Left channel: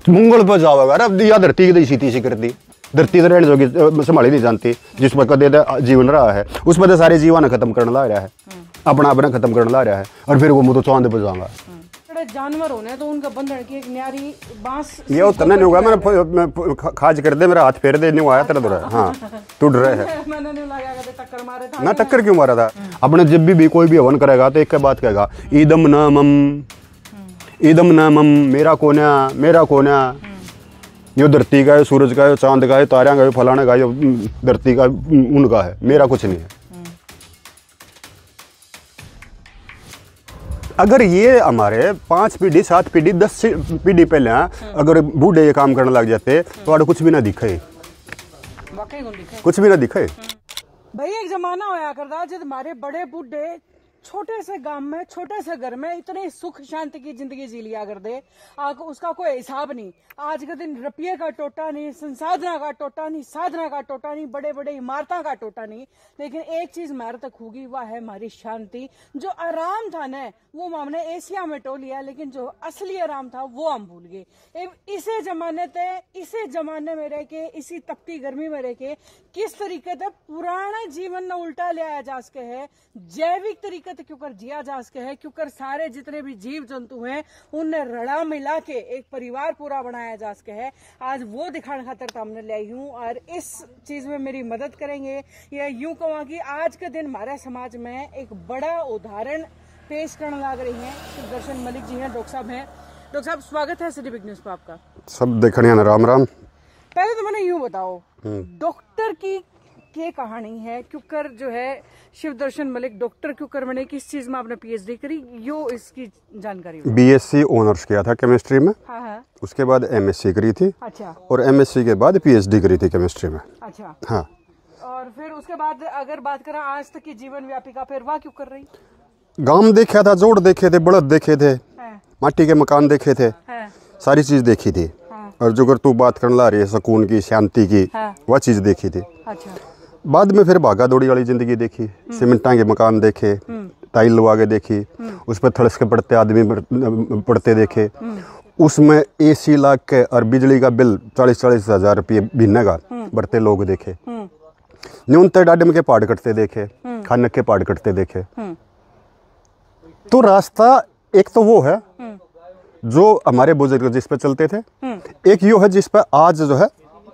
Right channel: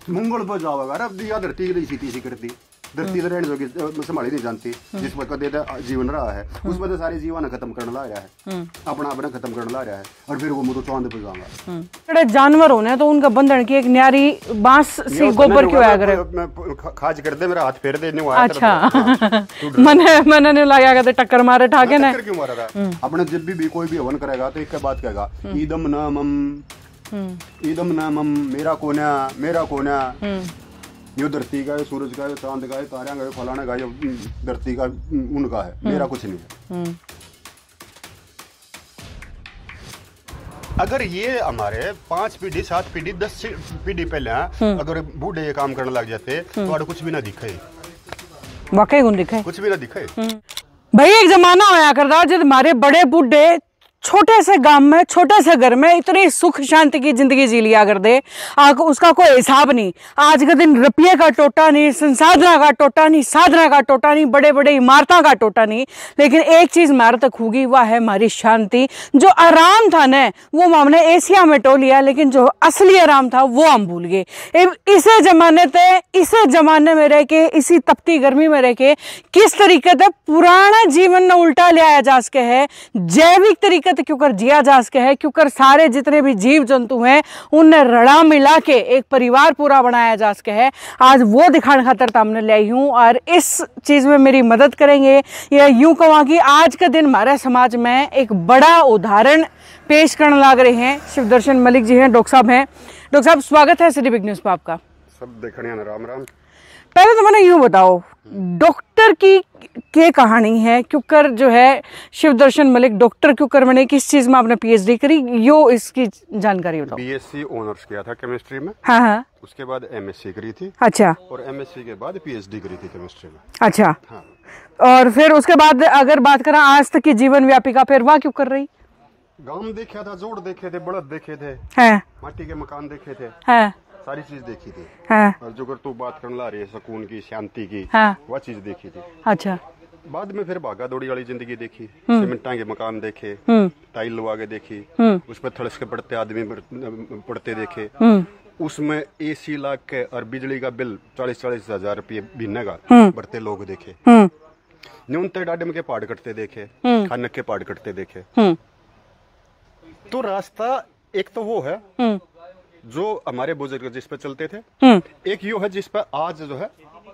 मंगल पर जाओगा अरे या धरती की सीधी सी करती धरती तो रहने जोगी संभाली नहीं जानती जिस पर कदे जीवन रहा है उस पर सारे जीवन खत्म करने ला रहा है अपना खत्म करने ला रहा है और फिर वो मुझे चांद पे जाऊंगा। जानवर होने तो उनका बंधन की एक न्यारी बांस सी गोबर की खाज कर दे मेरा हाथ फेर दे नहीं आया तेरा मैंने नहीं लगा के टक्कर मारे ठाके ने टक्कर क्यों मारा था अपने जब भी कोई भी हवन करेगा तो एक बात कहेगा ईदम न मम मेरा कोना यो धरती का है सूरज का है चांद का है तारियां का है फलाने का है धरती का उनका है मेरा कुछ नहीं है। अगर ये हमारे 5 पीढ़ी 7 पीढ़ी 10 पीढ़ी पहले अगर बूढ़े ये काम करने लग जाते तो कुछ भी ना दिखे वाकई कुछ भी ना दिखे। भाई एक जमाना आया करता जब हमारे बड़े बूढ़े छोटे से गांव में छोटे से घर में इतनी सुख शांति की जिंदगी जी लिया कर दे उसका कोई हिसाब नहीं। आज के दिन रुपये का टोटा नहीं संसाधना का टोटा नहीं साधना का टोटा नहीं बड़े बड़े इमारतों का टोटा नहीं लेकिन एक चीज हमारे तक होगी वह है हमारी शांति। जो आराम था न वो हमने एशिया में टो लिया लेकिन जो असली आराम था वो हम भूल गए। इसे जमाने में रह के इसी तपती गर्मी में रह के किस तरीके से पुराना जीवन न उल्टा ले आया जा सके है जैविक तरीके क्योंकि जिया जा सके है क्योंकि सारे जितने भी जीव जंतु हैं उनने रड़ा मिला के एक परिवार पूरा बनाया जा सके है। आज वो दिखाने खातर हमने ले आई हूँ और इस चीज में मेरी मदद करेंगे या यूं कहूँ कि आज के दिन हमारे समाज में एक बड़ा उदाहरण पेश करने लग रहे हैं। शिवदर्शन मलिक जी हैं डॉक्टर साहब हैं। डॉक्टर साहब स्वागत है सिटी बिग न्यूज पर आपका। सब देखने राम राम। पहले तो मैंने यूं बताओ डॉक्टर की क्या कहानी है क्योंकि जो है शिवदर्शन मलिक डॉक्टर क्योंकि मैंने किस चीज में आपने पीएचडी करी यो इसकी जानकारी बताओ। बीएससी ऑनर्स किया था केमिस्ट्री में। हाँ। उसके बाद एमएससी करी थी। अच्छा। और एमएससी के बाद पीएचडी करी थी केमिस्ट्री में। अच्छा। हाँ। और फिर उसके बाद अगर बात करें आज तक की जीवन व्यापिका फिर वहाँ क्यों कर रही? गांव देखा था जोड़ देखे थे बड़द देखे थे माटी के मकान देखे थे सारी चीज देखी थी। और जो अगर तू बात करने ला रही है सुकून की शांति की वह चीज देखी थी। अच्छा। बाद में फिर भागा दौड़ी वाली जिंदगी देखी सीमेंटा के मकान देखे टाइल लगा के देखी उस पर थड़स के पड़ते आदमी पड़ते देखे उसमें एसी लाग के और बिजली का बिल 40-40 हजार रुपये महीने का बढ़ते लोग देखे न्यूनतम डाडम के पहाड़ कटते देखे खानक के पहाड़ कटते देखे। तो रास्ता एक तो वो है जो हमारे बुजुर्ग जिस पे चलते थे एक यो है जिस पर आज जो है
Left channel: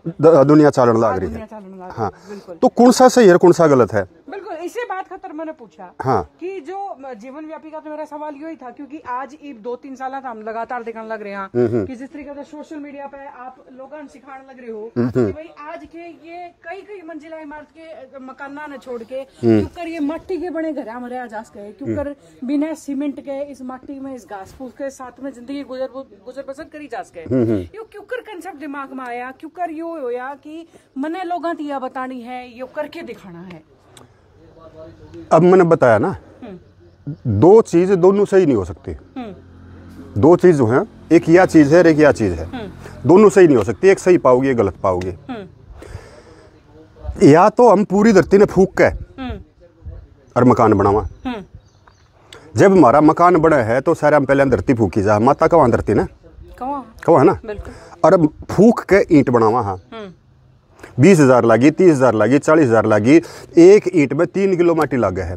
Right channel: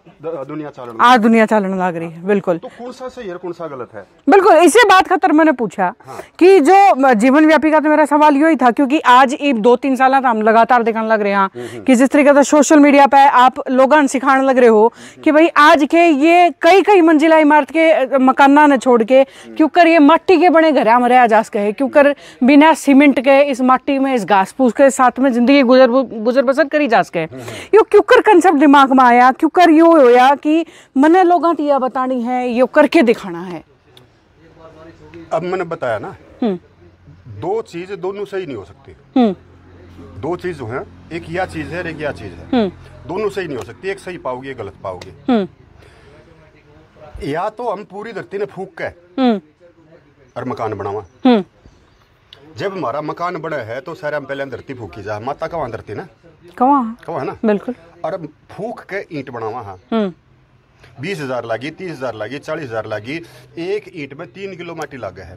दुनिया चालन लग रही है। बिल्कुल। तो कौन सा सही है कौन सा गलत है? बिल्कुल इसी बात खातर मैंने पूछा कि जो जीवन व्यापी का तो मेरा सवाल यही था क्योंकि आज 2-3 साल हम लगातार दिखाने लग रहे हैं कि जिस तरीके से सोशल मीडिया पे आप लोगों सिखाने लग रहे हो कि भाई आज के ये कई मंजिला इमारत के मकाना ने छोड़ के क्योंकि ये माटी के बने घर में रहा जा सके क्योंकि बिना सीमेंट के इस माटी में इस घास फूस के साथ में जिंदगी गुजर बसर करी जा सके यो क्योंकि कंसेप्ट दिमाग में आया क्योंकि यो होया कि मैंने लोगों को यह बतानी है ये करके दिखाना है। अब मैंने बताया ना दो चीज दोनों सही नहीं हो सकती। दो चीज जो है एक यह चीज है एक यह चीज है दोनों सही नहीं हो सकती। एक सही पाओगे एक गलत पाओगे। या तो हम पूरी धरती ने फूक के और मकान बनावा। जब हमारा मकान बड़ा है तो सारे हम पहले धरती फूकी जा माता कहाँ धरती ना कहाँ है ना। बिल्कुल। और अब फूक के ईंट बनावा। हाँ 20,000 लगी 30,000 लगी 40,000 लगी एक ईंट में 3 किलो माटी लग गए है।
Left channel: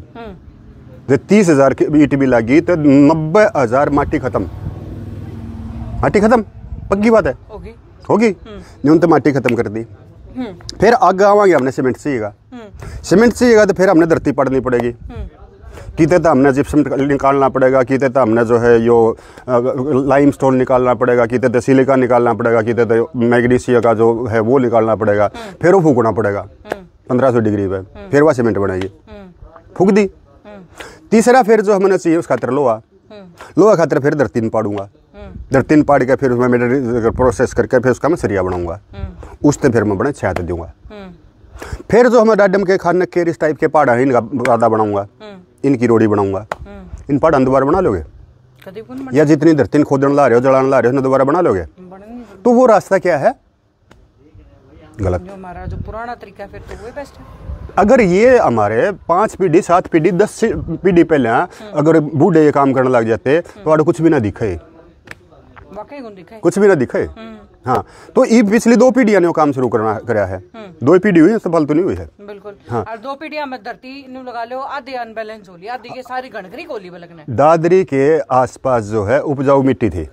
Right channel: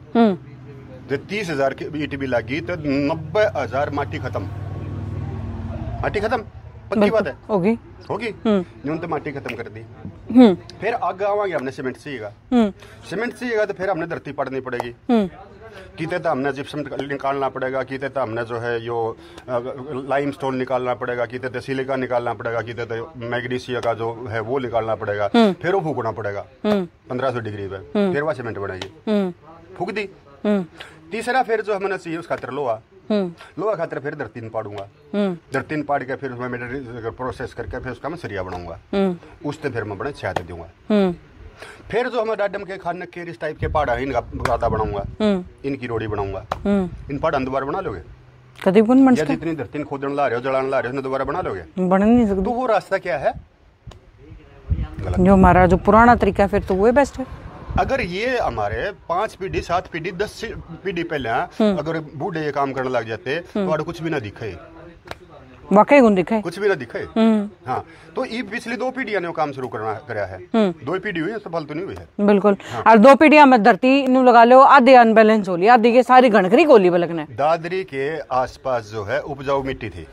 जब 30,000 की ईंट भी लगी तो 90,000 माटी खत्म पक्की बात है होगी न्यूनतम माटी खत्म कर दी। फिर आगे आवांगे हमने सीमेंट चाहिएगा तो फिर हमने धरती पड़नी पड़ेगी किते तो हमने जिप्सम निकालना पड़ेगा किते तो हमने जो है यो लाइमस्टोन निकालना पड़ेगा किते तो सिलिका निकालना पड़ेगा किते तो मैग्नीशिया का जो है वो निकालना पड़ेगा फिर वो फूकना पड़ेगा 1500 डिग्री पे फिर वह सीमेंट बनेगी फूक दी। तीसरा फिर जो हमने चाहिए उस खातर लोहा खातर फिर धरती में पाड़ूंगा धरती में पाड़ के फिर उसमें मेरे प्रोसेस करके फिर उसका मैं सरिया बनाऊंगा उससे फिर मैं बड़े छात दूंगा। फिर जो हमें डाडम के खाने के इस टाइप के पहाड़ है इनका गादा बनाऊंगा इनकी रोड़ी बनाऊंगा। इन पहाड़ दोबारा बना लोगे कभी या जितनी धरती खोदने ला रहे हो जलाने ला रहे हो दोबारा बना लोगे बन नहीं सकते। तो वो रास्ता क्या है गलत जो हमारा जो पुराना तरीका फिर तो वो बेस्ट है। अगर ये हमारे 5 पीढ़ी 7 पीढ़ी 10 पीढ़ी पहले अगर बूढ़े ये काम करने लग जाते तो कुछ भी ना दिखे वाकई गुण दिखे कुछ भी ना दिखे। हाँ, तो ये पिछली 2 पीढ़ियां ने काम शुरू करा है। 2 पीढ़ी हुई है, सफल तो नहीं हुई है। बिल्कुल। हाँ। और 2 पीढ़ियां में धरती नु लगा लो आधे अनबैलेंस हो ली, आधी के सारी गणखरी कोली बलकने। दादरी के आसपास जो है उपजाऊ मिट्टी थी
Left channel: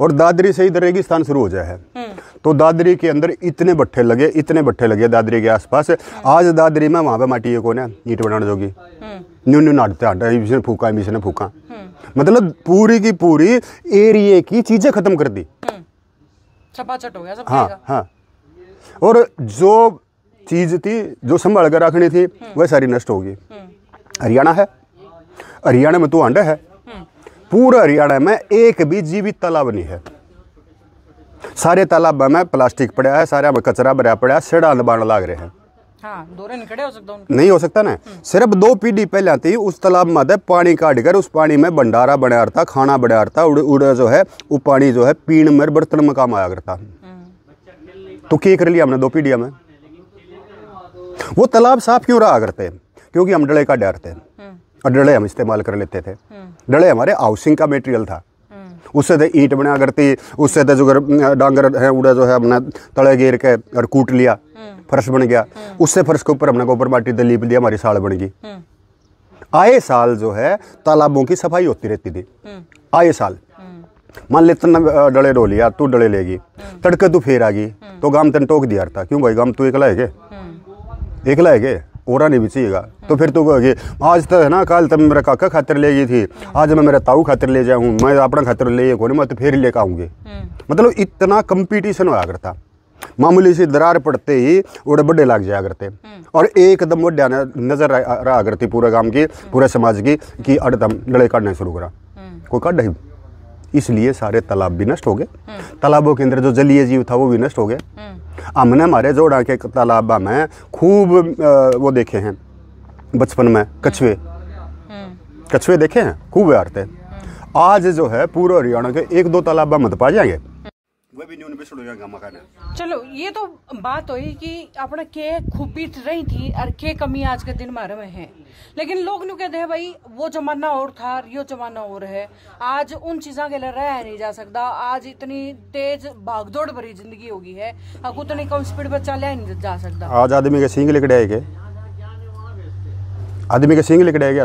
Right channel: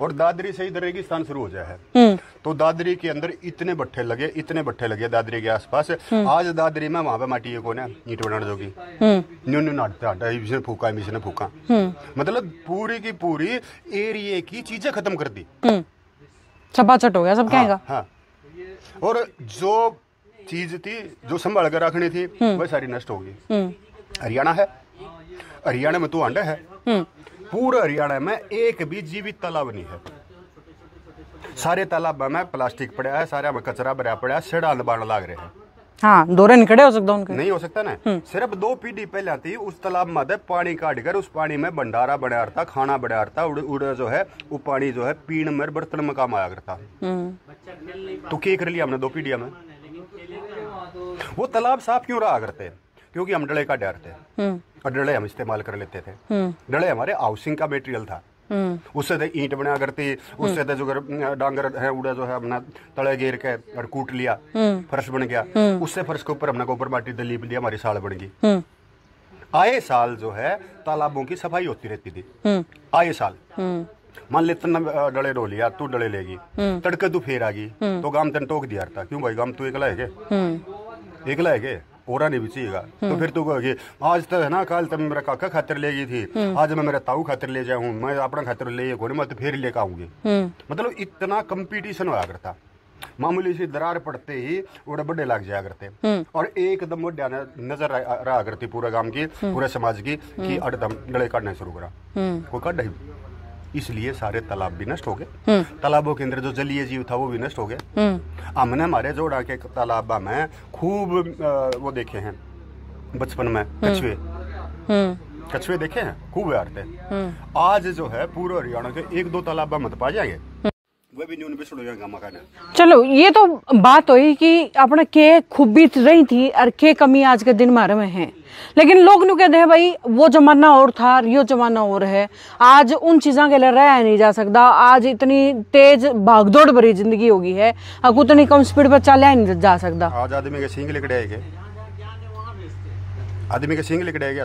और दादरी से इधर रेगिस्तान शुरू हो जाए है। तो दादरी के अंदर इतने भट्ठे लगे दादरी के आसपास। आज दादरी में वहां पे माटी है कोने ईट बनाने जोगी न्यू न्यू नाटते आटा मिशन फूका मिशन फूका, मतलब पूरी की पूरी एरिया की चीजें खत्म कर दी। छपाछट हो गया सब। हाँ, हाँ। और जो चीज थी जो संभाल कर रखनी थी वह सारी नष्ट होगी। हरियाणा है, हरियाणा में तो अंडा है। पूरे हरियाणा में एक भी जीवित तालाब नहीं है। सारे तालाब में प्लास्टिक पड़ा है, सारे में कचरा भरा पड़ा है, सेड़ा बाण लाग रहे हैं। हाँ, दौरे नहीं खड़े हो सकता उनके। नहीं हो सकता ना। सिर्फ 2 पीढ़ी पहले थी उस तालाब में पानी काट कर उस पानी में भंडारा बनाया था, खाना बनाया था। उड़ जो है वो पानी जो है पीण में बर्तन में काम आया करता। तो क्या कर लिया हमने 2 पीढ़िया में? वो तालाब साफ क्यों रहा करते? क्योंकि हम डले का डरते हैं और डले हम इस्तेमाल कर लेते थे। डले हमारे हाउसिंग का मटेरियल था। उससे तो ईंट बना करती, उससे तो जो डांगर है उड़ा जो है हमने तले घेर के और कूट लिया, फर्श बन गया। उससे फर्श के ऊपर हमने गोबर माटी तो लीप लिया, हमारी साल बन गई। आए साल जो है तालाबों की सफाई होती रहती थी। आए साल मान ले तन डले डो लिया, तू डले लेगी, तड़के तू फेर आ गई तो गाम तन टोक दिया था। क्यों भाई गाम तू एकला है के? एकला है के? ओरा नहीं भी चाहिएगा। तो फिर तो कहोगे आज तो है ना, कल तब मेरा काका खातिर ले गई थी, आज मैं मेरा ताऊ खातिर ले जाऊँ, मैं अपना खातिर ले को मैं तो फिर लेकर आऊंगी। मतलब इतना कंपटीशन होया करता। मामूली सी दरार पड़ते ही उड़े बड़े लग जाया करते और एकदम वो नजर रहा करती पूरे गांव की, पूरे समाज की कि अड़दम डले काटने शुरू करा। कोई काट नहीं। इसलिए सारे तालाब भी नष्ट हो गए। तालाबों के अंदर जो जलीय जीव था वो भी नष्ट हो गए। हमने हमारे जोड़ा के तालाबा में खूब वो देखे हैं बचपन में, कछुए कछुए देखे हैं, खूब आते। आज जो है पूरे हरियाणा के 1-2 तालाबा मत पा जाएंगे, वो भी न्यून पे छुड़ जाएगा मकान। चलो ये तो बात हुई कि अपने के खूबी रही थी और के कमी आज के दिन मारे में है। लेकिन लोग नु कहते हैं भाई वो जमाना और था, यो जमाना और है। आज उन चीज़ों के लिए रहा नहीं जा सकता। आज इतनी तेज भागदौड़ भरी जिंदगी होगी है, अब उतनी कम स्पीड पर चला नहीं जा सकता। आज आदमी के सींग लेकर आएंगे, आदमी के सींग लेकर आएंगे।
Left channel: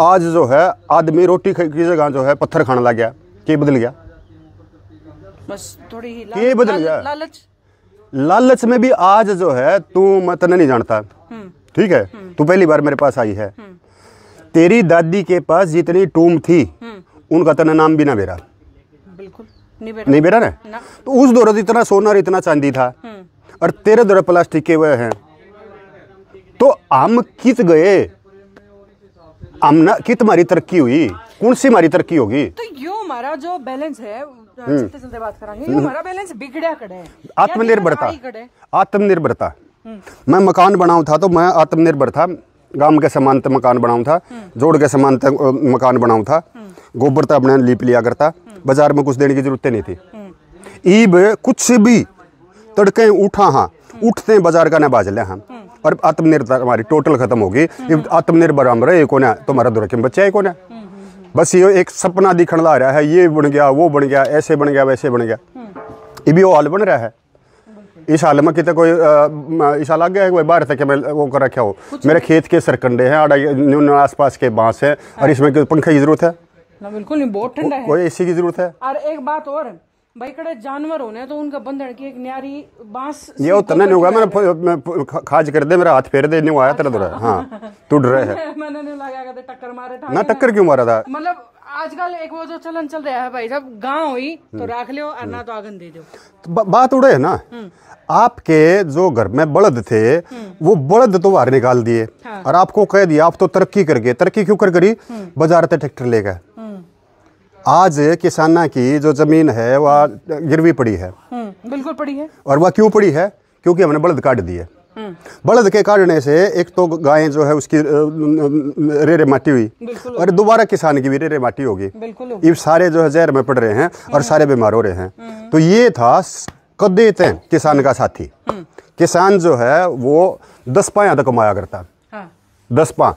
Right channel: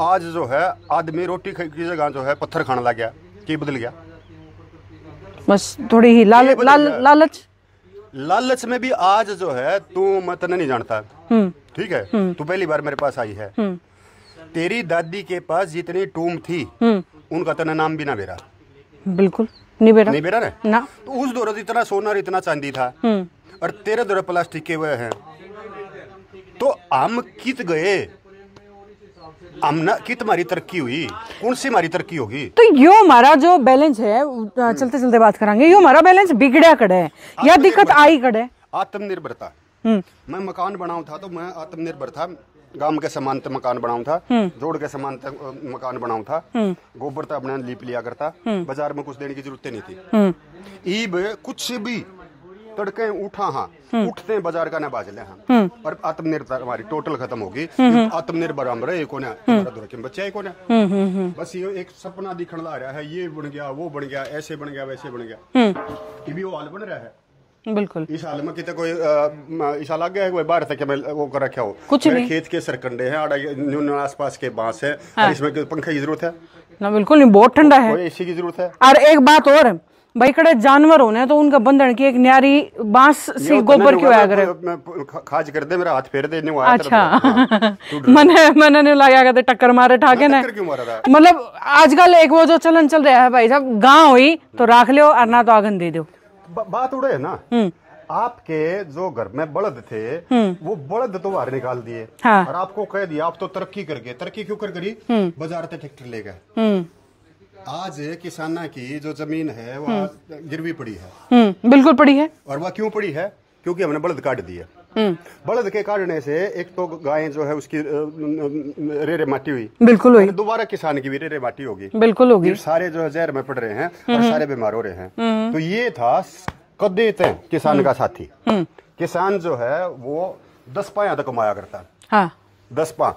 आज जो है आदमी रोटी की जगह जो है पत्थर खाने लग गया। क्या बदल गया? बस थोड़ी ही लालच में भी आज जो है तू मत नहीं जानता। ठीक है, तू पहली बार मेरे पास आई है। तेरी दादी के पास जितनी टूम थी उनका तना नाम भी ना बेरा। बिल्कुल नहीं बेरा ना। तो उस दौरान इतना सोना और इतना चांदी था और तेरे दौरान प्लास्टिक के वह हैं। तो हम कित गए, कित हमारी तरक्की हुई, कौन सी हमारी तरक्की होगी? तो यो हमारा जो बैलेंस है, चलते चलते बात करेंगे, यो हमारा बैलेंस बिगड़ा कड़े या दिक्कत आई कड़े। आत्मनिर्भरता। मैं मकान बनाऊं था तो मैं आत्मनिर्भर था। गांव के समानत मकान बनाऊं था, जोड़ के समानत मकान बनाऊं था। गोबर तो अपने लीप लिया करता, बाजार में कुछ देने की जरूरत नहीं थी। ईब कुछ भी तड़के उठा, हाँ उठते बाजार का ना बाज ले हम। और आत्मनिर्भर हमारी टोटल खत्म होगी। आत्मनिर्भर हम रहे को ना, तुम्हारा दुर्ग के बच्चे को ना। बस ये एक सपना दिखने ला रहा है, ये बन गया, वो बन गया, ऐसे बन गया, वैसे बन गया। ये भी वो हाल बन रहा है। बिल्कुल। इस हाल में कितने कोई इस हाल आ गया है कोई बाहर तक मैं वो कर रखा हो। मेरे खेत के सरकंडे हैं, आसपास के बांस है और इसमें पंखे की जरूरत है ना? बिल्कुल नहीं, बहुत ठंडा है, कोई एसी की जरूरत है। और एक बात और भाई, कड़े जानवर होने तो उनका बंधन की एक न्यारी बांस सी गोबर की खाज कर दे, मेरा हाथ फेर दे नहीं आया तेरा। हाँ, तू मैंने नहीं लगा करते टक्कर मारे ठाके ना। टक्कर क्यों मारा था? मतलब आजकल एक वो जो चलन चल रहा है भाई साहब, गांव हुई तो राख लो और ना तो आगन दे दो। बात उड़े है ना। आपके जो घर में बलद थे वो बलद तो बाहर निकाल दिए। हाँ। और आपको कह दिया आप तो तरक्की कर गए। तरक्की क्यों कर करी? बाजार से ट्रैक्टर ले गए। आज किसाना की जो जमीन है वह गिरवी पड़ी है। बिल्कुल पड़ी है। और वह क्यों पड़ी है? क्योंकि हमने बलद काट दिए। बलद के काटने से एक तो गाय जो है उसकी रेरे माटी हुई, बिल्कुल, और दोबारा किसान की भी रेरे माटी होगी, बिल्कुल होगी। ये सारे जो है जहर में पड़ रहे हैं और सारे बीमार हो रहे हैं। तो ये था कदे किसान का साथी। किसान जो है वो 10 पा यहाँ तक कमाया करता। हाँ। 10 पा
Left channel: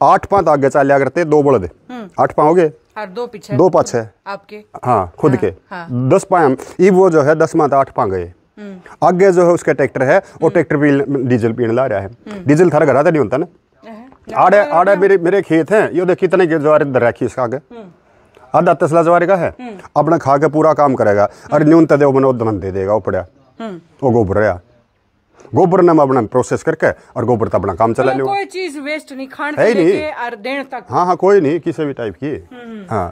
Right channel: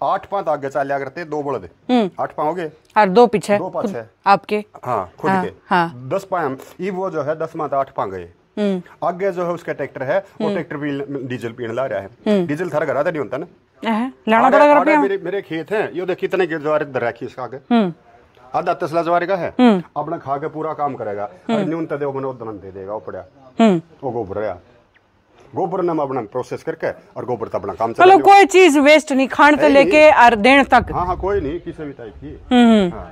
8 पा आगे चलिया करते, 2 बलद 8 पा हो गए, और 2 पीछे, 2 पाछे आपके, हाँ खुद के। हाँ। 10 पाए ये वो जो है 10 मात 8 पा गए। आगे जो है उसका ट्रैक्टर है, वो ट्रैक्टर पे डीजल पीने ला रहा है। डीजल थारा घर तो नहीं होता ना। आड़े मेरे खेत हैं, ये देख कितने ज्वार इधर रखी इसका आगे, आधा तसला ज्वार का है, अपना खा के पूरा काम करेगा और न्यूनतम वो मैंने उद्यम दे देगा, वो पड़ा वो गोबर है, गोबर ने अपना प्रोसेस करके और गोबर तो अपना काम चला। कोई चीज वेस्ट नहीं, खान से लेके और देने तक। हाँ हाँ, कोई नहीं किसी भी टाइप की। हाँ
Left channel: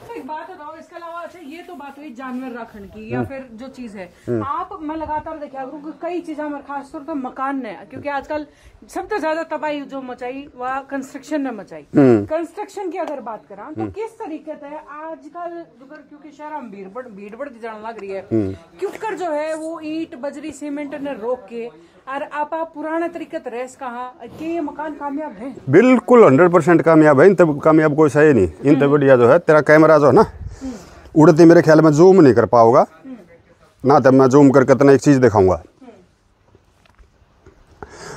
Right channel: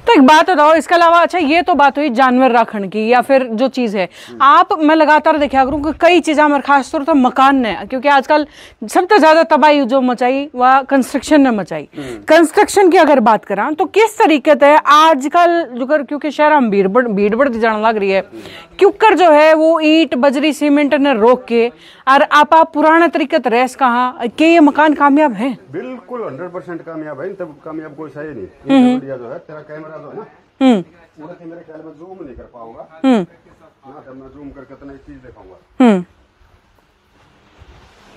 तो एक बात बताओ, इसके अलावा अच्छा ये तो बात हुई जानवर रखने की या फिर जो चीज है आप, मैं लगातार देखा करूँ कि कई चीजें हमारे खासतौर पर मकान ने, क्योंकि आजकल सबसे ज्यादा तबाही जो मचाई वह कंस्ट्रक्शन ने मचाई। कंस्ट्रक्शन की अगर बात करा तो किस तरीके से आजकल क्योंकि शहर में भीड़ बढ़ती जाने लग रही है, क्योंकि जो है वो ईंट बजरी सीमेंट ने रोक के और आप पुराने तरीके से रेस कहा कि ये मकान कामयाब है? बिल्कुल 100% कामयाब है। इन तब कामयाब कोई सही नहीं। इन तब बढ़िया जो है तेरा कैमरा जो है ना, उड़ती मेरे ख्याल में जूम नहीं कर पाओगा ना, तब मैं जूम करके तना एक चीज दिखाऊंगा,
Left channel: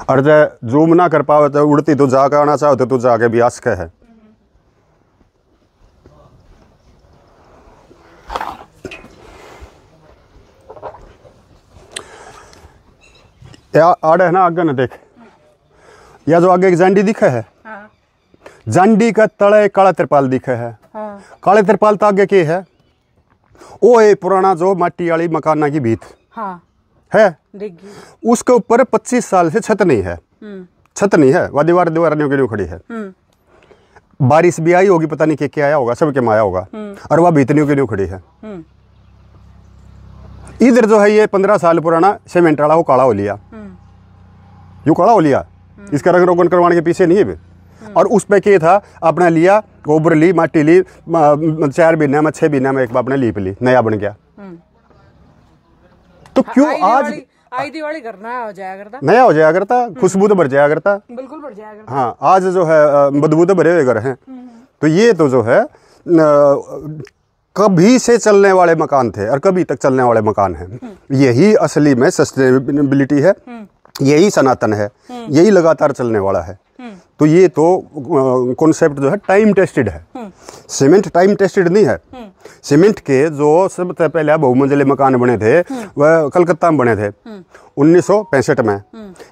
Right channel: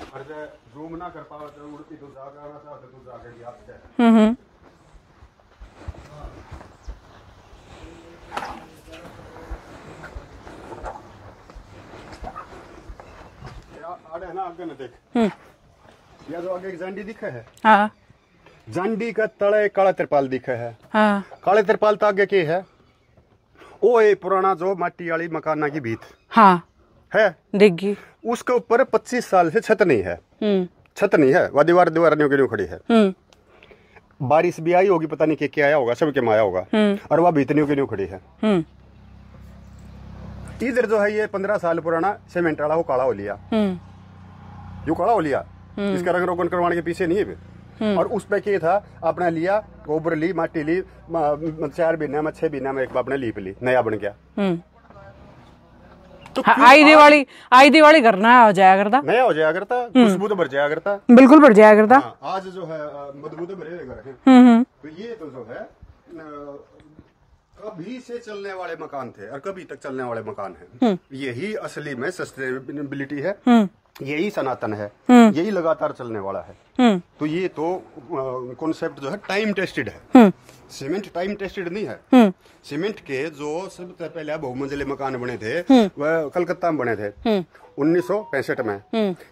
और जब जूम ना कर पाओ तो उड़ती तो जाकर आना चाहो तो तू जाके भी आ सके है। आड़े है ना आगे ना देख, या जो आगे एक जांडी दिखे है, हाँ। जांडी का तले काला तिरपाल दिखे है, हाँ। काले तिरपाल तो आगे के है, वो है पुराना जो माटी वाली मकाना की भीत, हाँ। है देगी, उसके ऊपर 25 साल से छत नहीं है, छत नहीं है, वह दीवार के लिए खड़ी है। बारिश भी आई होगी, पता नहीं क्या आया होगा, सबके में आया होगा, और वह भीतनियों के लिए खड़ी है। इधर जो है ये 15 साल पुराना सीमेंट वाला वो काला हो लिया, यो काला हो लिया, इसका रंग रोगन करवाने के पीछे नहीं है। और उस पे क्या था, अपने लिया गोबर ली, माटी ली, 4 महीने में 6 महीने में एक बार अपने लीप ली, नया बन गया। तो क्यों आई दिवाली करना हो जाया करता, नया हो जाया करता, खुशबू तो भर जाया करता, बिल्कुल भर जाया करता। हाँ, आज जो है बदबू तो भरे हुए घर हैं। तो ये तो जो है कभी से चलने वाले मकान थे और कभी तक चलने वाले मकान हैं। यही असली में सस्टेनेबिलिटी है, यही सनातन है, यही लगातार चलने वाला है। तो ये तो कॉन्सेप्ट जो है टाइम टेस्टेड है। सीमेंट टाइम टेस्टेड नहीं है। सीमेंट के जो सबसे पहले बहुमंजिले मकान बने थे वह कलकत्ता में बने थे 1965 में।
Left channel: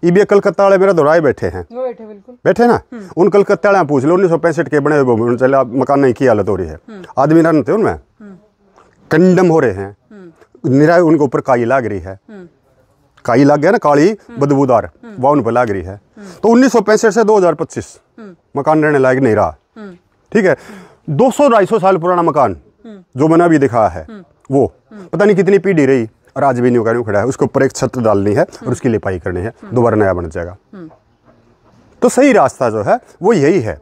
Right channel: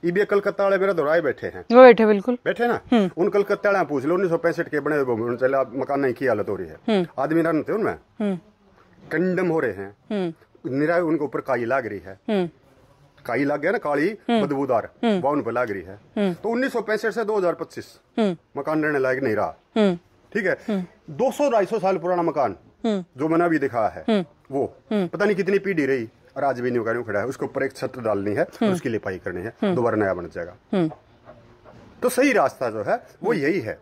ये भी कलकत्ता वाले मेरा दोहराए बैठे हैं, वो बैठे बिल्कुल बैठे ना। उन कलकत्ता वाले पूछ लो 1965 के बने हुए बहुमंजिले मकान नहीं की हालत हो रही है, आदमी रन थे उनमें, कंडम हो रहे हैं, निराय उनके ऊपर काई लाग रही है, काई लग गया ना, काली बदबूदार वह उन पर लाग रही है। तो 1965 से 2025 मकान रहने लायक नहीं रहा। ठीक है, 200-250 साल पुराना मकान जो मैंने अभी दिखा है वो पता नहीं कितनी पीढ़ी रही और आज भी न्यू खड़ा है। उसके ऊपर एक छत डालनी है और उसकी लिपाई करनी है, दोबारा नया बन जाएगा। तो सही रास्ता जो है वो यही है।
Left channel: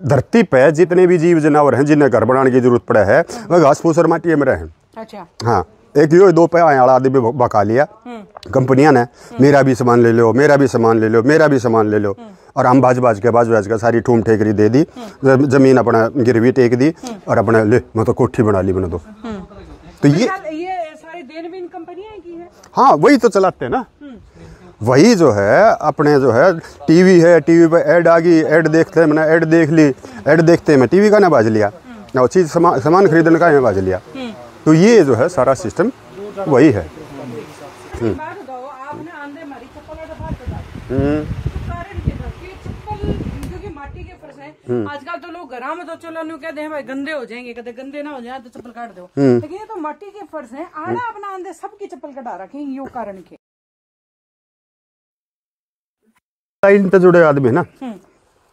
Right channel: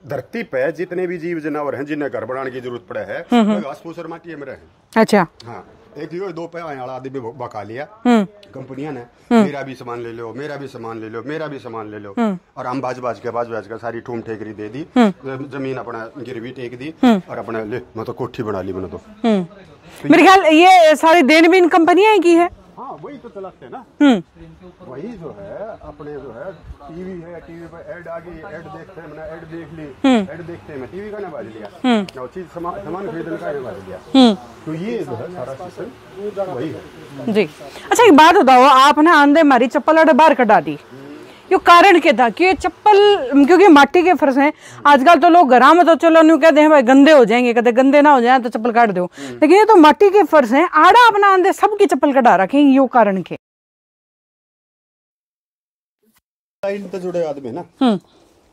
धरती पे जितने भी जीव जानवर हैं जिन्हें घर बनाने की जरूरत पड़े है वह घास फूस और माटी में रहे। अच्छा, हाँ। एक यो 2 पैसे वाला आदमी बका लिया कंपनियां ने, मेरा भी सामान ले लो, मेरा भी सामान ले लो, मेरा भी सामान ले लो, और हम बाज के सारी ठूम ठेकरी दे दी, जमीन अपना गिरवी टेक दी और अपने ले मैं तो कोठी बना ली मैंने तो मेरे ख्याल ये सारी देनबीन कंपनियां की है। हाँ, वही तो चलाते हैं ना। वही जो है अपने जो है टीवी है, टीवी पे ऐड आ गई, ऐड देखते हैं, मैंने ऐड देख ली, ऐड देखते हैं मैं टीवी का ना बाज लिया, ना चीज सामान खरीदने का बाज लिया। तो ये जो है सारा सिस्टम वही है जी। अच्छा, एक बात बताओ, आपने आंधे मारी चप्पल अड़े बाहर कटा दी, क्यों कारण क्या था? कि चप्पल क्योंकि माटी के फर्श हैं, आजकल तो लोग घरा में तो चलो न्यू कहते हैं भाई गंदे हो जाएंगे, कहते गंदे ना हो जाए तो चप्पल काट दो, लेकिन ये तो माटी के फर्श हैं, आड़ा अपना आंधे सबकी चप्पल कटा रखे, यो कारण के इनसे जुड़े आदमी है ना,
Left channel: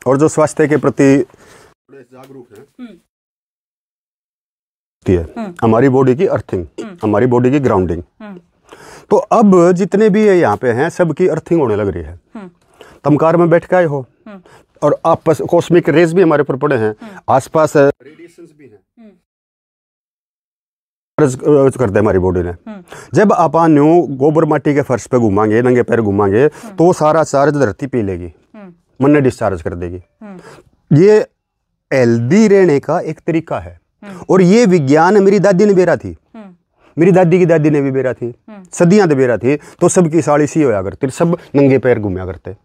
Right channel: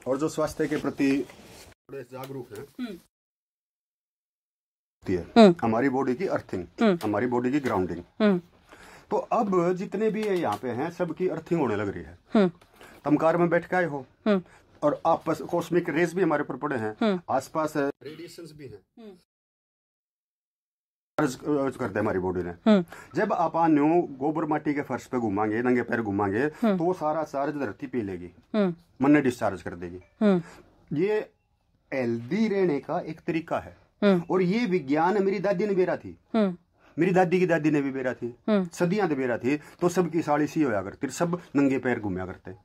और जो स्वास्थ्य के प्रति जागरूक है, हमारी बॉडी की अर्थिंग, हमारी बॉडी की ग्राउंडिंग। तो अब जितने भी यहाँ पे हैं सबकी अर्थिंग होने लग रही है। तमकार में बैठ के आए हो और आपस कॉस्मिक रेज भी हमारे ऊपर पड़े हैं, आसपास रेडिएशंस भी हैं, करते हैं हमारी बॉडी ने। जब आप न्यू गोबर माटी के फर्श पे घूमांगे, नंगे पैर घूमांगे, तो वो सारा चार्ज धरती पी लेगी, मन ने डिस्चार्ज कर देगी। ये हेल्दी रहने का एक तरीका है, और ये विज्ञान मेरी दादी ने बेरा थी, मेरी दादी की दादी ने भी बेरा थी, सदियां तो बेरा थी। तो सबकी साड़ी सी होया करती, सब नंगे पैर घूमया करते,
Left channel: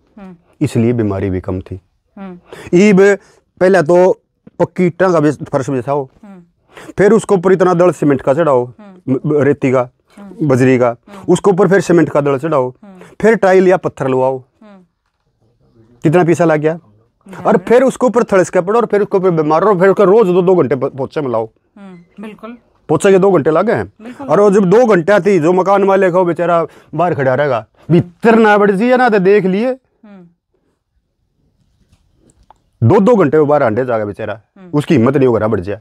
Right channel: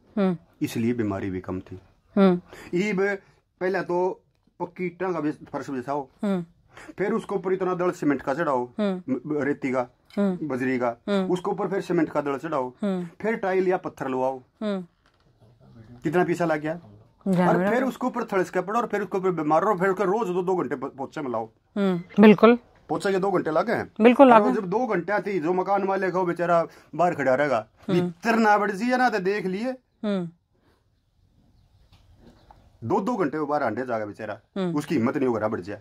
इसलिए बीमारी भी कम थी। ईब पहले तो पक्की ईंटा का फर्श बिछाओ, फिर उसके ऊपर इतना दड़ सीमेंट का चढ़ाओ, रेती का, बजरी का, उसके ऊपर फिर सीमेंट का दड़ चढ़ाओ, फिर टाइल या पत्थर लगवाओ, कितना पैसा लग गया। और फिर उसके ऊपर थड़स के पड़ो, और फिर उसके ऊपर बीमार रहो, फिर उसका रोज 2 घंटे पोछे में लाओ। बिल्कुल, पोछे के 2 घंटे लगे हैं। बिल्कुल। और जब 2 घंटे थी, जो मकान वाले को बेचारा बाहर खड़ा रहेगा, भीतर ना बढ़ जाइए ना, तो देख लिए 2 घंटे में बाहर आंटे जाएगा बेचारा, उसकी हिम्मत नहीं होगा बढ़ जाए।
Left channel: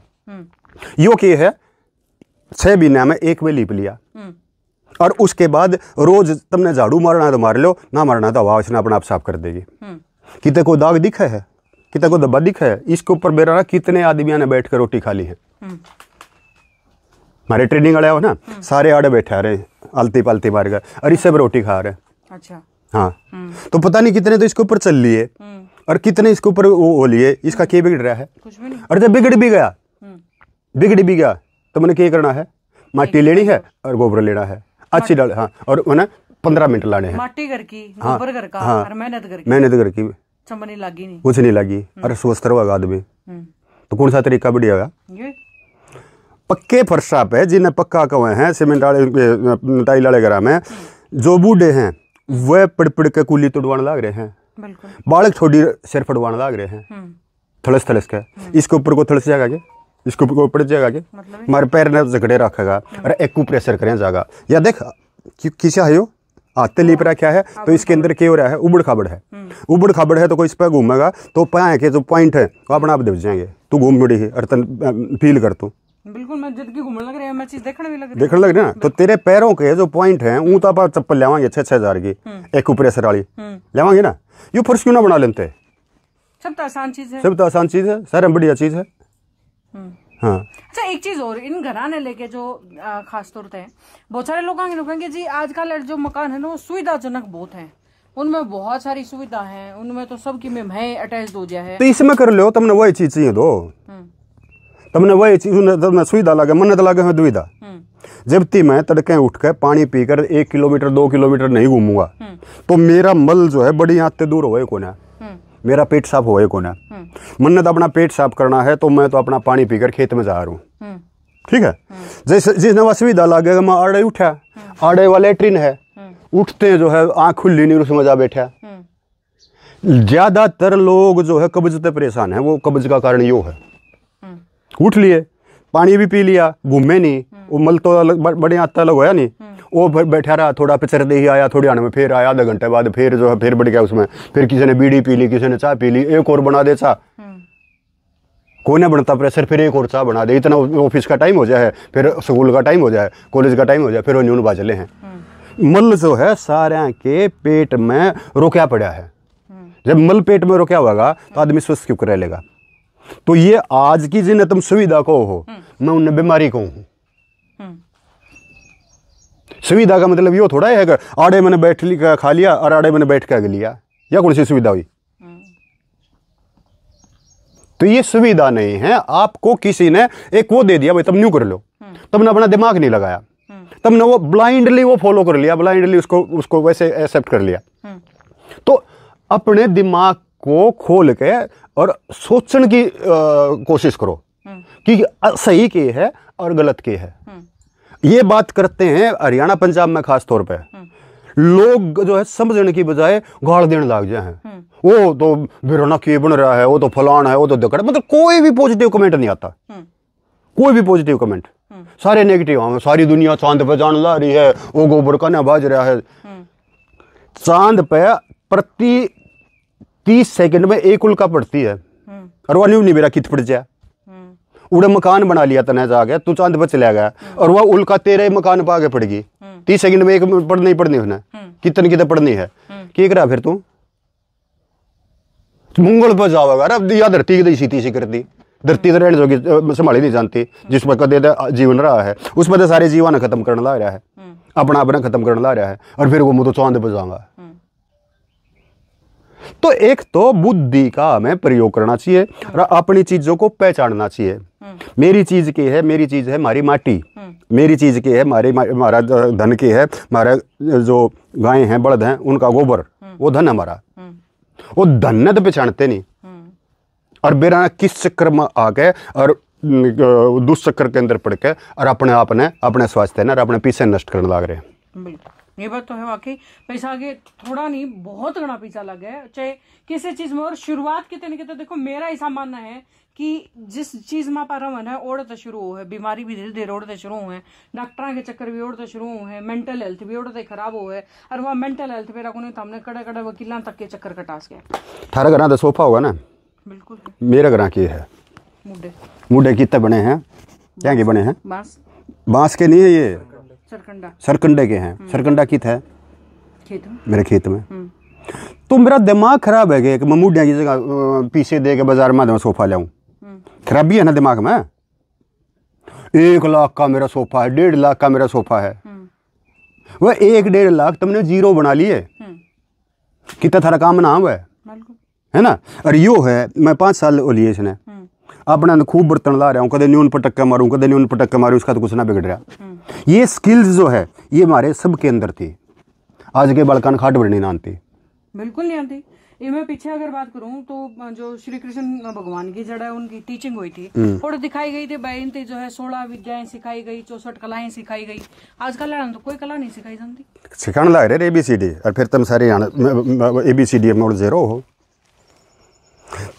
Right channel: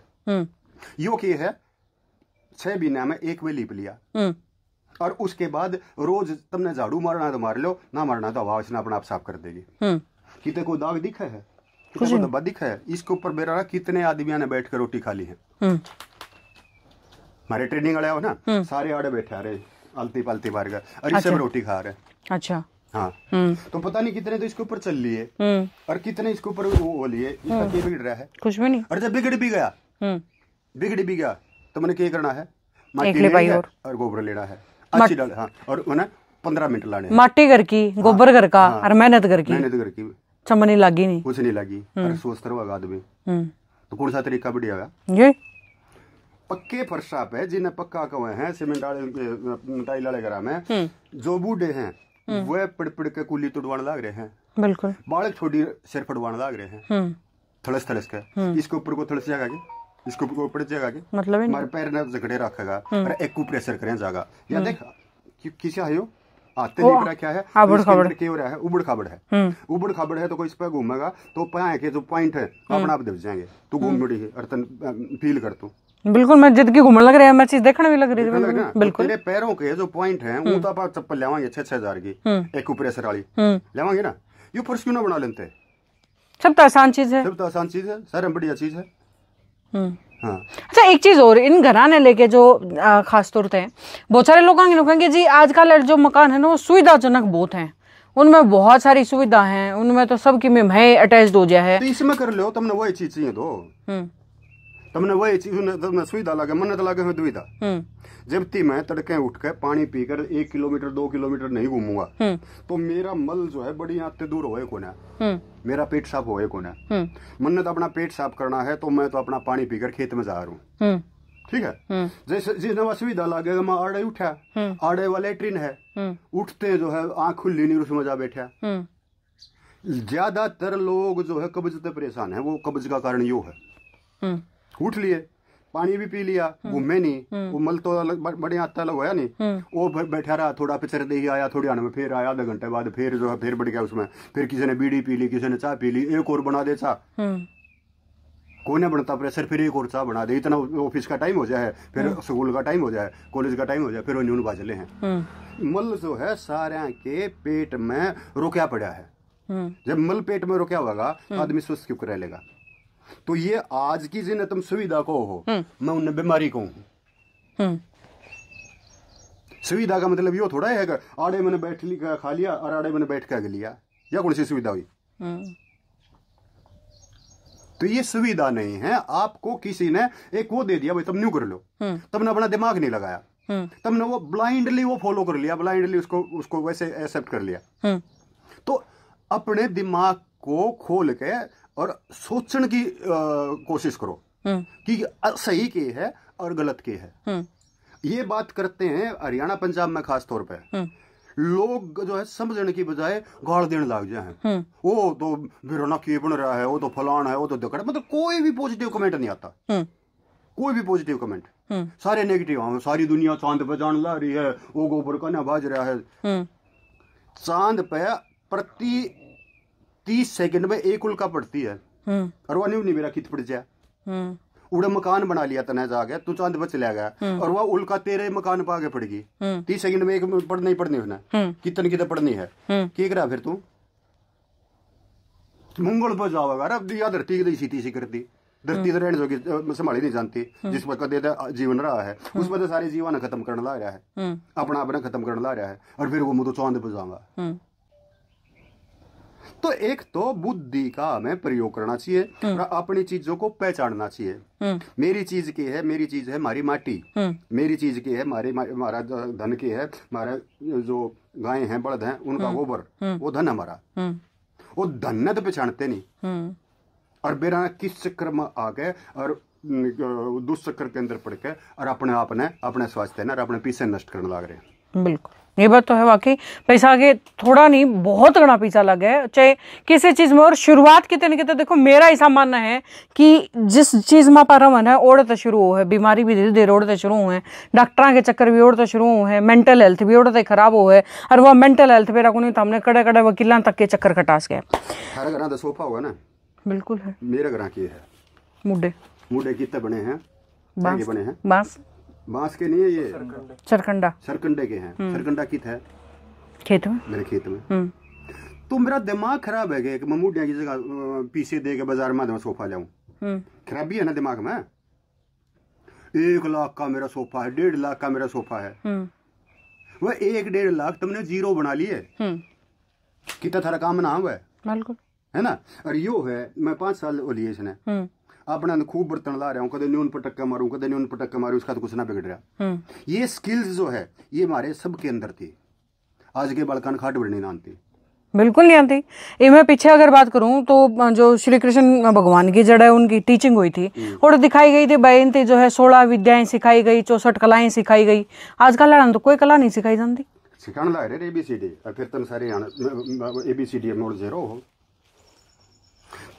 यो की है 6 महीने में 1 वे लीप लिया, और उसके बाद रोज तुमने झाड़ू मारना है तो मार लो, ना मारना तो हवा उसने अपना आप साफ कर देगी। कितने को दाग दिखा है, कितने को धब्बा दिखा है, इसके ऊपर बेरा कितने आदमियों ने बैठ कर रोटी खा ली है। हमारे ट्रेनिंग वाले हो ना, सारे आड़े बैठे आ रहे, आलती पालती मार कर, और इससे भी रोटी खा रहे। अच्छा, हाँ। तो पता नहीं कितने तो इसके ऊपर चल लिए, और कितने इसके ऊपर वो लिए, इसका क्या बिगड़ रहा है? कुछ भी नहीं। और जब बिगड़ भी गया तो मैंने क्या करना है? माटी लेनी है और गोबर लेना है, अच्छी डाल। हाँ, और मैंने 15 मिनट लाने हैं। माटी घर की, गोबर घर का, और मेहनत करके चमनी लगी नहीं, कुछ नहीं लगी, और स्वस्थ रहेगा आदमी। तो कौन सा तरीका बढ़िया? ये पक्के फर्शा पे जिन्हें पक्का कवे हैं, सीमेंट वाले टाइल वाले घर में जो बूढ़े हैं वह पड़ के कुली तोड़वाने लग रहे हैं। बिल्कुल। बालक छोड़ी सिर फटवाने लग रहे हैं, थलस के। इसके ऊपर को थलस जाएगा, इसके ऊपर को पड़ जाएगा, मतलब हमारे पैर ने झगड़े रखेगा, और एक प्रेशर करें जाएगा। या देख किसी है यो आते लीप रखा है, तो इसके अंदर क्या हो रहा है? उबड़ खाबड़ है। उबड़ खाबड़ है तो कोई इस पर घूमेगा तो पाए के जो पॉइंट है वो अपने आप दब जाएंगे। तू घूम मुड़ी है और फील कर तू। बिल्कुल, मैं जिद की घूमने लग रहा है, मैं चीज देखने भी लग रही है ना। तो तेरे पैरों के जो पॉइंट है वो तो आप चप्पल लेवांगे 6,000 की, एक प्रेशर वाली लेवांगे ना। ये फर्श क्यों ना बना लेते? सब तो आसान चीज है, सारे बढ़िया चीज है। हाँ। अच्छा, एक चीज और, इन घराने लेके जो खास तौर पे बहुत सारे लोग कहेंगे जी आजकल जो मकान है ना वो सुविधाजनक बहुत हैं, उनमें बहुत सारी सुविधा हैं, उनमें तो सबकी में है अटैच्ड हो जाए है, तो इसमें कर लो। तुमने वही चीज चाहिए दो, तुमने वही चीज, तुमने सुविधा लगे, मन्नत लगे है दुविधा। जब ती मैं तड़के उठ के पानी पीकर 1 किलोमीटर 2 किलोमीटर नहीं घूमूंगा तो मेरा मल जो है बड़ी आते दूर होए को ना, मेरा पेट साफ होए को ना। मन्नत अपना पेट साफ करना है तो मैं तो अपना पानी पीकर खेत में जा रहा हूँ, ठीक है। जैसे जिस नवा सुविधा लगेगा, मैं आड़े उठा, आड़े वाला लेट्रिन है, उठते जो है आँख खुली नहीं, उसमें जा बैठा। ज्यादातर लोग जो है कब्ज से परेशान है, वो कब्ज का कारण यो है। उठ लिए, पानी भी पी लिया, घूमे नहीं, वो मल तो बड़े आता अलग होया नहीं, वो बैठा रहा, थोड़ा पिचर दे ही आया, थोड़ी आने में फिर आया, आधा घंटे बाद फिर जो है फिर बढ़ गया उसमें, फिर किसी ने बीड़ी पी ली, किसी ने चाय पी ली, एक और बना दे चाह, कोने बनता प्रेशर, फिर एक और चाह बना दे, इतना ऑफिस का टाइम हो जाए, फिर स्कूल का टाइम हो जाए, कॉलेज का टाइम हो जाए, फिर वो न्यून बाजले हैं। मल जो है सारे के पेट में रोका पड़ा है। जब मल पेट में रोका होगा तो आदमी स्वस्थ क्यों रह लेगा? तो ये आज की जिन्हें तुम सुविधा को हो, मैं उन्हें बीमारी को हूं। सुविधा का मतलब ये थोड़ा है कि आड़े मैंने बैठ खा लिया और आड़े मैंने बैठ के आगे लिया, या कौन सी सुविधा हुई? तो ये सुविधा नहीं है। आपको किसी ने एक वो दे दिया, भाई तुम न्यू कर लो, तुमने अपना दिमाग नहीं लगाया, तुमने वो ब्लाइंडली वो फॉलो कर लिया, ब्लाइंडली उसको वैसे एक्सेप्ट कर लिया। तो अपने दिमाग को खोल के और सोचने की कोशिश करो कि सही के है और गलत के है। ये बात करते हैं हरियाणा पंजाब में खास तौर पे, लोग जो है समझने की बजाय गाड़ देने लग जाए हैं। वो तो बिरना के बन रहा है, वो तो फलाना है, वो तो दकड़, मतलब कोई भी पॉजिटिव कमेंट नहीं आता, कोई भी पॉजिटिव कमेंट, सारे नेगेटिव। हम सारी दुनिया चांद पे जाने ला रही है, वो गोबर का ना बाज रहा है। चांद पे प्रति 30 सेकंड में एक उल्का पड़ती है, और वह नहीं मेरा कित पड़ जाए। उड़े मकान बना लिया तने जाके, तू चांद पर चला गया, और वह उल्का तेरे मकान पर आगे पड़ेगी। 30 सेकंड में एक पढ़नी पड़नी उसने, कितने पढ़नी है, क्या करा फिर तू? मंगल पर जाओगा, या धरती की सीधी सी कर दी, धरती तो रहने जोगी संभाली नहीं जानती, जिस पर कदे जीवन रहा है उस पर सारे जीवन खत्म करने ला रहा है, अपना अपना खत्म करने ला रहा है, और फिर वो मुझे चांद पर जाऊंगा। तो एक तो बुद्धि का हमें प्रयोग करना चाहिए और अपनी चीजों को पहचानना चाहिए। मेरी चीज की है, मेरी चीज है हमारी माटी, मेरी चीज की है हमारा धन की है, हमारा जो गाय हैं बड़द हैं उनका गोबर, वो धन हमारा। वो धन तो पहचानते नहीं, और बेरा किस चक्कर में आ गए और दुष्चक्कर के अंदर पड़ के और अपने आप ने अपने स्वास्थ्य ने और अपने पीछे नष्ट करने लग रहे हैं। बिल्कुल, ये बात तो है वाकई। पैसा आगे थोड़ा नहीं बहुत घना पीछा लग गया चाहे किसी चीज में। और शुरुआत कितने न कितने देखो, मेरा ऐसा मानना है कि जिस चीज में पर मन है ओढ़ते शुरू हो है, बीमारी भी धीरे धीरे ओढ़ते शुरू हुए हैं, डॉक्टर के चक्कर भी ओढ़ते शुरू हुए हैं, मेंटल हेल्थ भी ओढ़ते खराब हो है। और वो मेंटल हेल्थ पे रखो नहीं तो हमने कड़े कड़े वकीलों तक के चक्कर कटास गए। थारा घर तो सोफा होगा ना? बिल्कुल है। मेरे घर की है मुड्डे। मुड्डे कितने बने हैं? क्या के बने हैं? बांस के नहीं है, ये सरकंडे के हैं। सरकंडा कित है? खेत में, मेरे खेत में। तो मेरा दिमाग खराब है कि मैं मुड्डे की जगह पीछे दे के बाजार में सोफा लाऊं। खराबी है ना दिमाग में। 1 लाख का मेरा सोफा है, 1.5 लाख का मेरा सोफा है। वह 1-1.5 लाख तुमने जीरो बना लिए। कितना थारा काम ना हुआ है ना? और यो है मैं 5 साल लिए इसने अपना खूब बर्तन ला रहा हूँ, कदे न्यून पटक्का मारूं, कदे न्यून पटक्का मारूं, उसका तो कुछ ना बिगड़ रहा। ये स्किल्स जो है ये हमारे सबके अंदर थी। आज के बालकान खाट बढ़नी ना आती, बिल्कुल नहीं आती। ये मैं पीछे अगर बात करूं तो जो श्री कृष्ण भगवान की जड़ है उनकी टीचिंग हुई थी और दिखाई गई थी बहन थी जो है 16 विद्याएं सिखाई गई, 64 कलाएं सिखाई गई। आजकल लड़ान तो कोई कला नहीं सिखाई जाती। सिखाने लग रहे ABCD और फिर तुम सारे ABCD में और जेरो हो।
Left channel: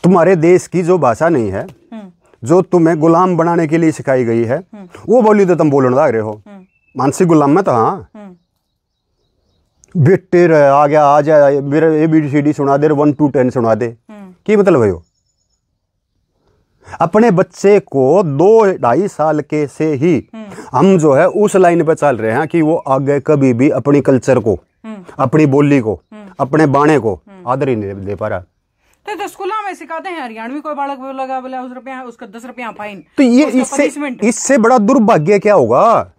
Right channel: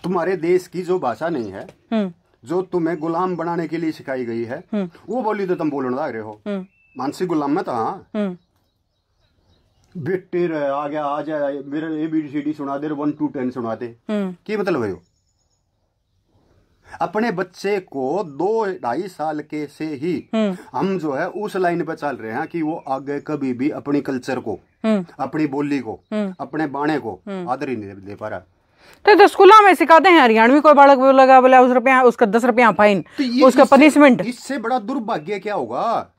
तुम्हारे देश की जो भाषा नहीं है, जो तुम्हें गुलाम बनाने के लिए सिखाई गई है, वो बोली तो तुम बोलने लग रहे हो। मानसिक गुलाम में तो हाँ बेटे आ गया आ जाए मेरा ABCD सुना दे, 1 to 10 सुना दे, की मतलब है? अपने बच्चे को 2-2.5 साल के से ही हम जो है उस लाइन पे चल रहे हैं कि वो आगे कभी भी अपनी कल्चर को, अपनी बोली को, अपने बाणे को आदर ही नहीं दे पा रहा। तो स्कूलों में सिखाते हैं हरियाणवी कोई बालक लगा बोला उसका 10 रुपया फाइन, तो ये उसका पनिशमेंट। इससे बड़ा दुर्भाग्य क्या होगा?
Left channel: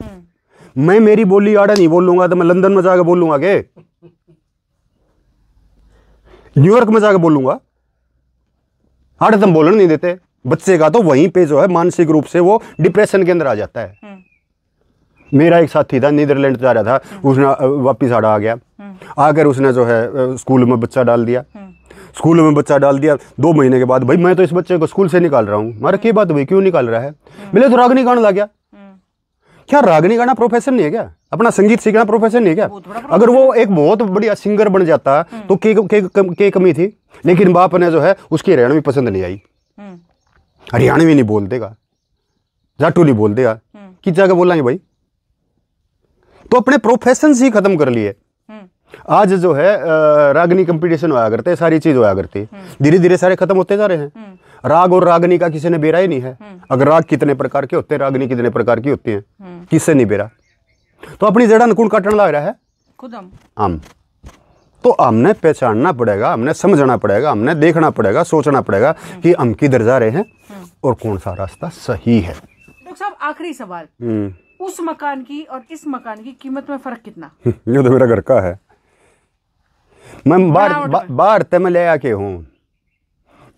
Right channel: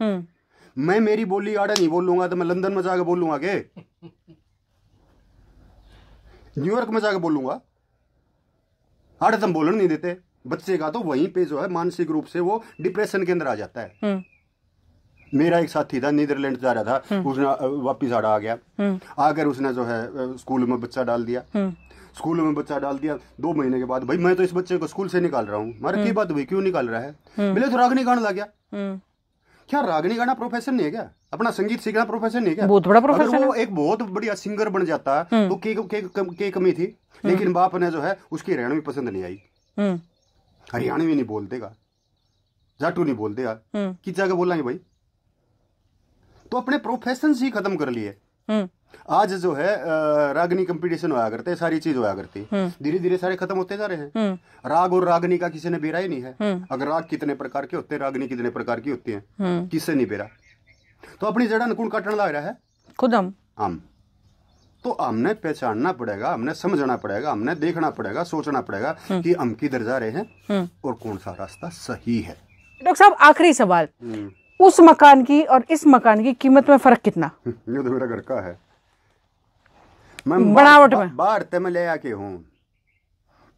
मैं मेरी बोली आड़ा नहीं बोलूंगा तो मैं लंदन में जाकर बोलूंगा के न्यूयॉर्क में जाकर बोलूंगा? आड़े तुम बोलने नहीं देते बच्चे का, तो वहीं पे जो है मानसिक रूप से वो डिप्रेशन के अंदर आ जाता है। मेरा एक साथी था, नीदरलैंड जा रहा था, उसने वापिस आड़ा आ गया, आकर उसने जो है स्कूल में बच्चा डाल दिया। स्कूल में बच्चा डाल दिया 2 महीने के बाद, भाई मैं तो इस बच्चे को स्कूल से निकाल रहा हूँ। मारे की बात भाई क्यों निकाल रहा है? बोले तो रागनी गाना लग गया। क्या रागनी गाना प्रोफेशन नहीं है क्या? अपना संगीत सीखना प्रोफेशन नहीं है क्या? बहुत बड़ा अगर वो एक बहुत बढ़िया सिंगर बन जाता तो के कमी थी। लेकिन बाप ने जो है उसकी हरियाणवी पसंद नहीं आई। हरियाणवी नहीं बोल देगा, जाटू नहीं बोल देगा, किस जगह बोलेंगे भाई? तो अपने प्रोफेशन ही खत्म कर लिए। आज जो है रागनी कंपटीशन होया करते, सारी चीज होया करती, धीरे धीरे सारे खत्म होते जा रहे हैं। राग और रागनी का किसी ने बेरा ही नहीं है। अगर राग कितने प्रकार के होते हैं, रागनी कितने प्रकार की होती है, किससे नहीं बेरा। तो अपनी जड़ा अनुकूल काटने लग रहा है खुद हम। तो हमने पहचानना पड़ेगा, हमने समझना पड़ेगा, हमने देखना पड़ेगा, सोचना पड़ेगा कि हम किधर जा रहे हैं और कौन सा रास्ता सही है। डॉक्टर साहब आखिरी सवाल, उस मकान की और इस मकान की कीमत में फर्क कितना? ये तो मेरा घर का है, मैं बाहर ते में ले आके हूँ।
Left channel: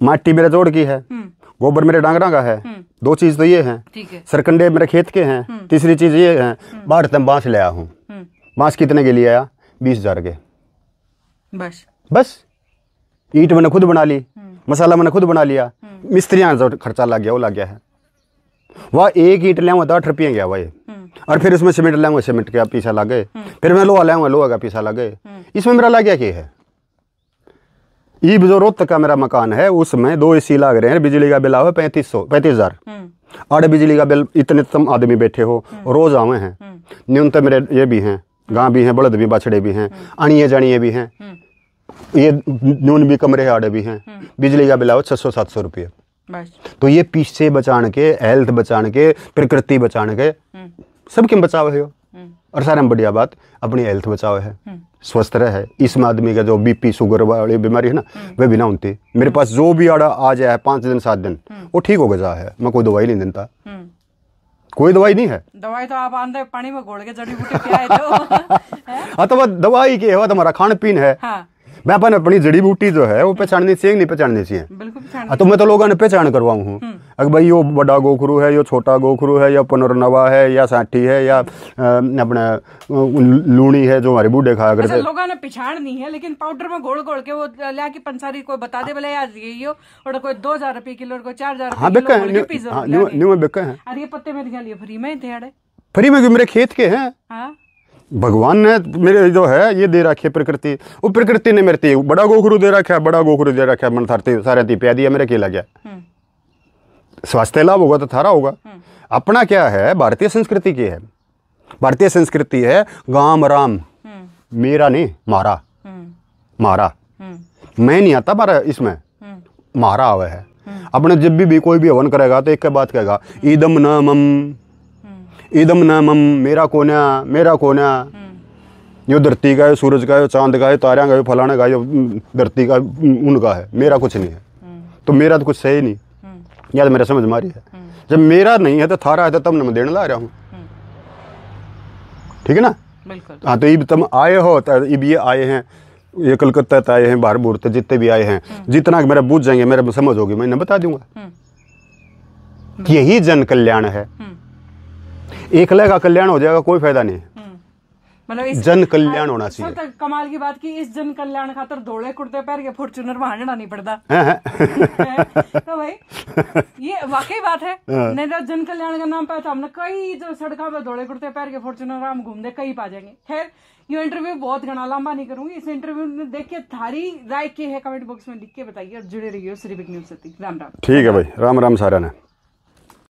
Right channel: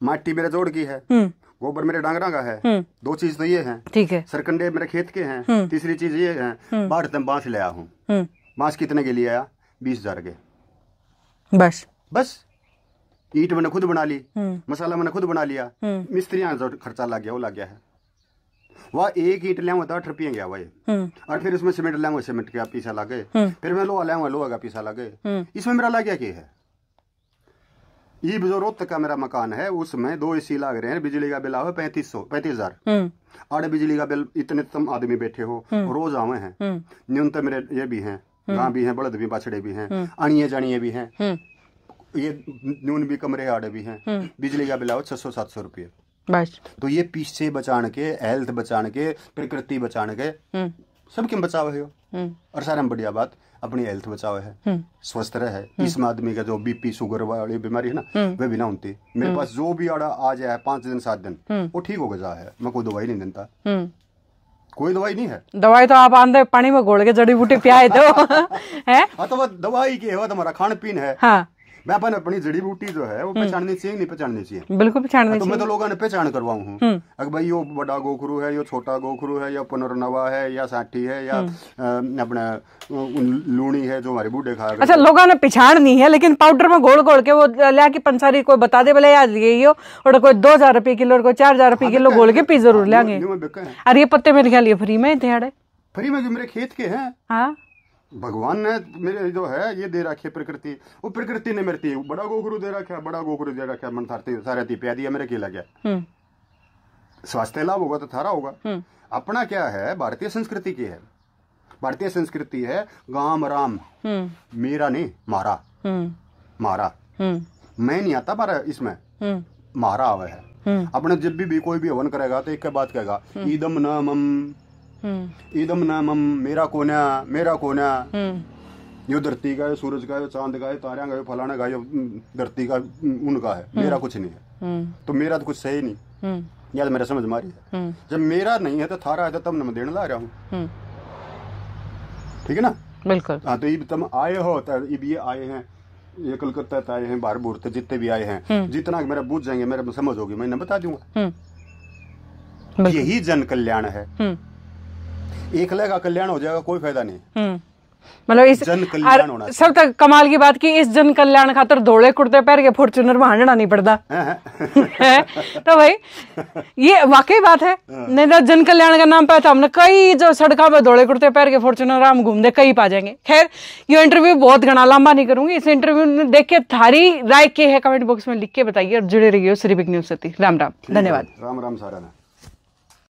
माटी मेरे जोड़ की है, गोबर मेरे डांगरा का है। 2 चीज तो ये है, ठीक है। सरकंडे मेरे खेत के हैं। तीसरी चीज ये है बाहर ते बांस ले आया हूँ। बांस कितने के लिए आया? 20,000 के। बस ईंट मैंने खुद बना ली, मसाला मैंने खुद बना लिया, मिस्त्रियां जो खर्चा लग गया वो लग गया है। वह एक ईंट ले 8 रुपये गया भाई, और फिर इसमें सीमेंट ले सीमेंट का पीछा लग गए, फिर मैं लोहा ले लोहा का पीछा लग गए। इसमें मेरा लग गया क्या है? ये जो रोहतक का मेरा मकान है उसमें 2 AC लग रहे हैं, बिजली का बिल आवे 35,000। आड़े बिजली का बिल, इतने तुम आदमी बैठे हो रोज आवे हैं। न्यूनतम मेरे ये भी हैं, गां भी हैं, बड़द भी, बछड़े भी हैं, अणिये जानिए भी हैं, ये न्यून भी कमरे आड़े भी हैं। बिजली का बिल आवे 600-700 रुपये। तो ये पीछे बचाने के, हेल्थ बचाने के, प्रकृति बचाने के, सबके बचाव है। और सारे में बढ़िया बात अपनी हेल्थ बचाव है, स्वस्थ रहे। इसमें आदमी का जो BP शुगर वाली बीमारी है ना, वह भी ना होती। मेरे पास जो भी आड़ा आ जाए 5 दिन 7 दिन वो ठीक हो गया है। मैं कोई दवाई नहीं देता, कोई दवाई नहीं है। दवाई तो आप आंधे पानी में घोल के जड़ी बूटी पियाए तो है। हाँ, तो दवाई की है, तुम्हारा खान पीन है। मैं अपन अपनी जड़ी बूटी जो है वो पहचाननी चाहिए, नहीं पहचाननी चाहिए? बिल्कुल पहचाननी। तो मैं तो लोगों ने पहचान करवाऊँ हूँ, अगर भाई यो बड़ा गोखरू है, यो छोटा गोखरू है, या पुनर्नवा है, या साठी है, या अपना लूणी है जो हमारे बूढ़े खाया करते। अच्छा, लोगों ने पहचान नहीं है, लेकिन पाउडर में घोल घोल के वो लिया की पंसारी कोई बता दे बोले यार ये और कोई 2000 रुपए किलो और कोई 4000 रुपए किलो घोल के पी जरूर लेंगे। अरे ये पत्ते मेरे ख्याल फ्री में थे, फ्री में मेरे खेत के हैं। हाँ, भगवान ने मेरे जो है ये दे रखी है प्रकृति, वो प्रकृति ने मेरे बड़ा गोखरू दे रखा है, बड़ा गोखरू दे रखा है, मन थारते सारे ती प्या दिया, मेरे क्या लग गया? स्वास्थ्य लाभ होगा तो थारा होगा। अपना क्या है, भारतीय संस्कृति की है, भारतीय संस्कृति है गाम राम, मेरा नहीं मारा, मारा मैं नहीं आता मारा, इसमें मारा आवे है। अपने जब भी कोई भी हवन करेगा तो एक के बात कहेगा, ईदम न मम, ईदम न मम, मेरा कोना, मेरा कोना। यो धरती का है, सूरज का है, चांद का है, तारा का है, फलाना का है, धरती का उनका है, मेरा कुछ नहीं है। तो मेरा तो कुछ सही नहीं, या तो मेरा समझ मारी है। जब मेरा नहीं है तो थारा है, तो तब मैं देने ला रहा हूँ, ठीक है ना? बिल्कुल। हाँ, तो ये तुम आए हो, तो ये आए हैं, ये कलकत्ता आए हैं, बाहर बूर तो जितने भी आए हैं, जितना मेरा बूझ जाएंगे, मेरा समझ होगी, मैं इन्हें बता दूंगा। यही जन कल्याण है। एकले का कल्याण हो जाएगा, कोई फायदा नहीं। मतलब इस जन कल्याण होना चाहिए। सब तक कमाल की बात की, इस जन कल्याण खातर धोले कुर्ते पहन के फॉर्च्यूनर में हांडना नहीं पड़ता। तो भाई ये वाकई बात है। नहीं तो जन कल्याण का नाम पे तो हमने कई जो सड़कों पे धोले कुर्ते पहन के फॉर्च्यूनर हम घूमते कई पा जाएंगे। खैर, ये इंटरव्यू बहुत घना लंबा नहीं करूंगी। इस इंटरव्यू में देख के थारी राय के है कमेंट बॉक्स में लिख के बताइए और जुड़े रहिए श्री बिग न्यूज से। राम राम। ठीक है भाई, राम राम सारा ने।